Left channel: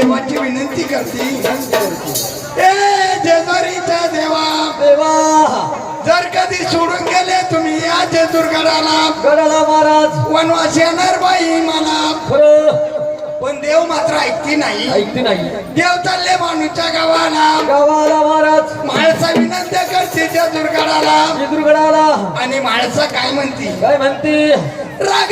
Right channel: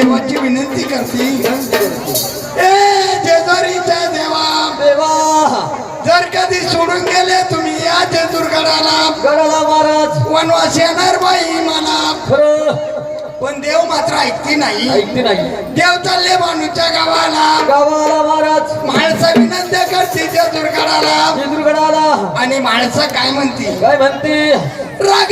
देवाची विनंती करते. ए जेजुरीच्या देवा देवा. जर कधी सोडून गेले तुम्ही या जेजुरगडाला गडाला महाराज. वनवास येणार बाई मला. पण देव मात्र ऐकते नाही. ऐकते नाही. देव चालले माणूच्या गावाला. गावाला महाराज. माणसं विनंती करते जेजुरगडाला जेजुरगडाला आणि माणसं काय म्हणते? काय म्हणते? राग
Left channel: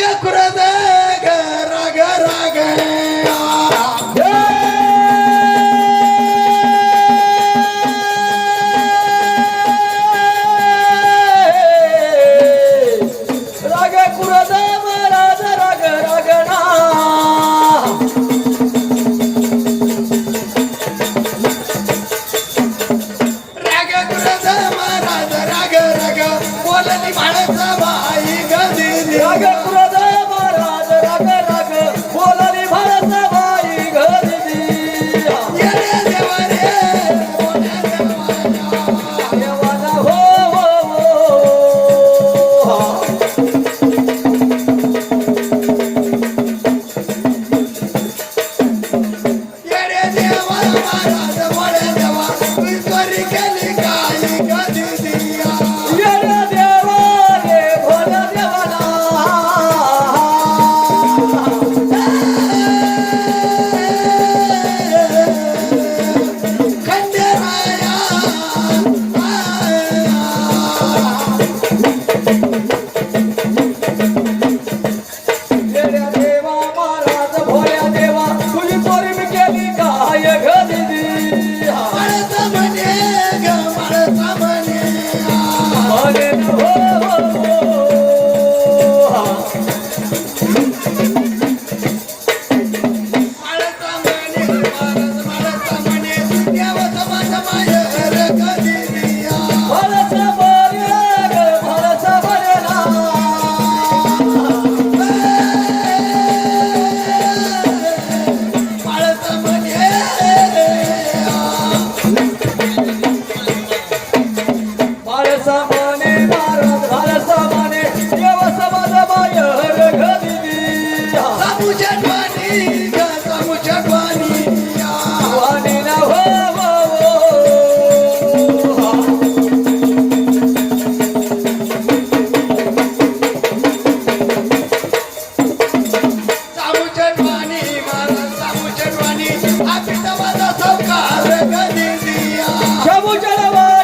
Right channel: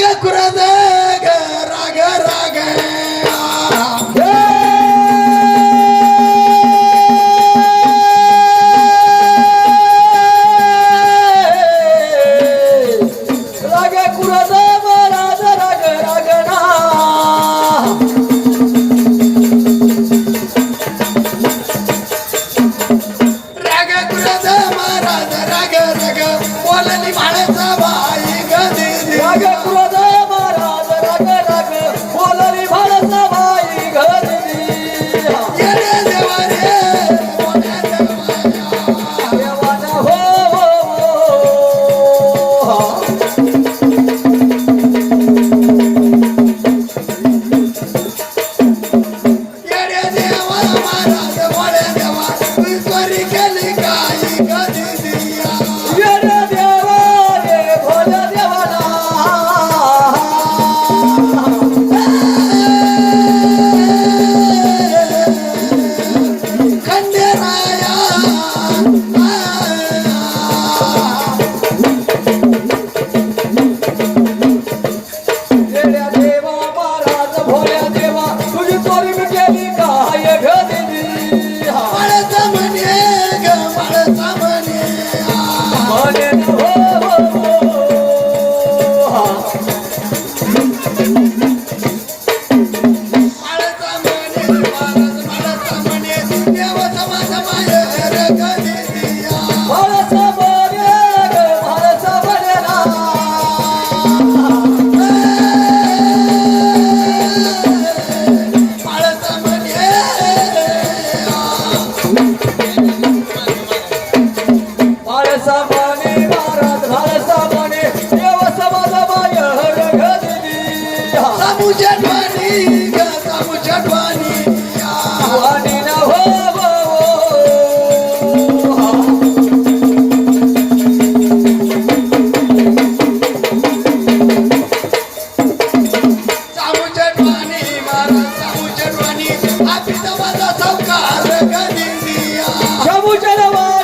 不觉得吗？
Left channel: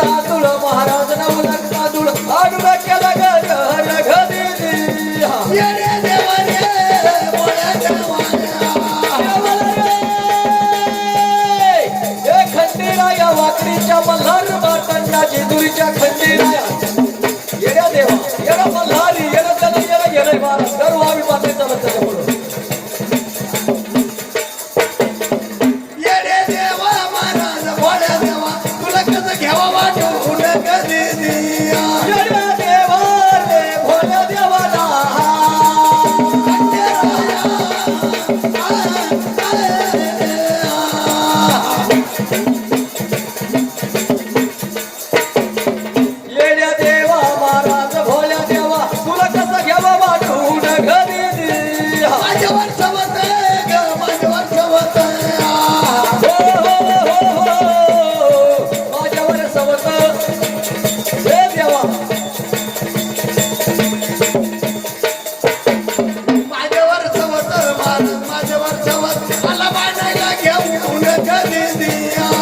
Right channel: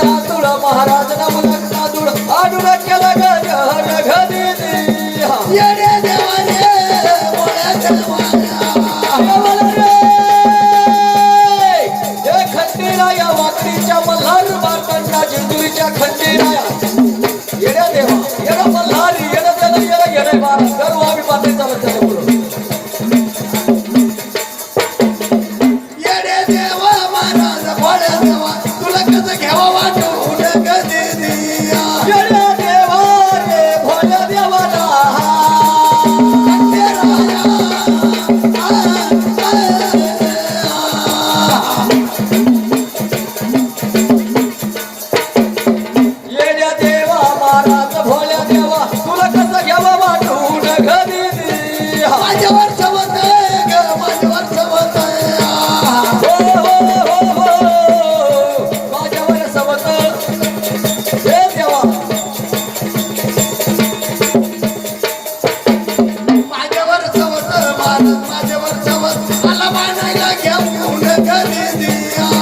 శాంతుల మహారాజనము baby.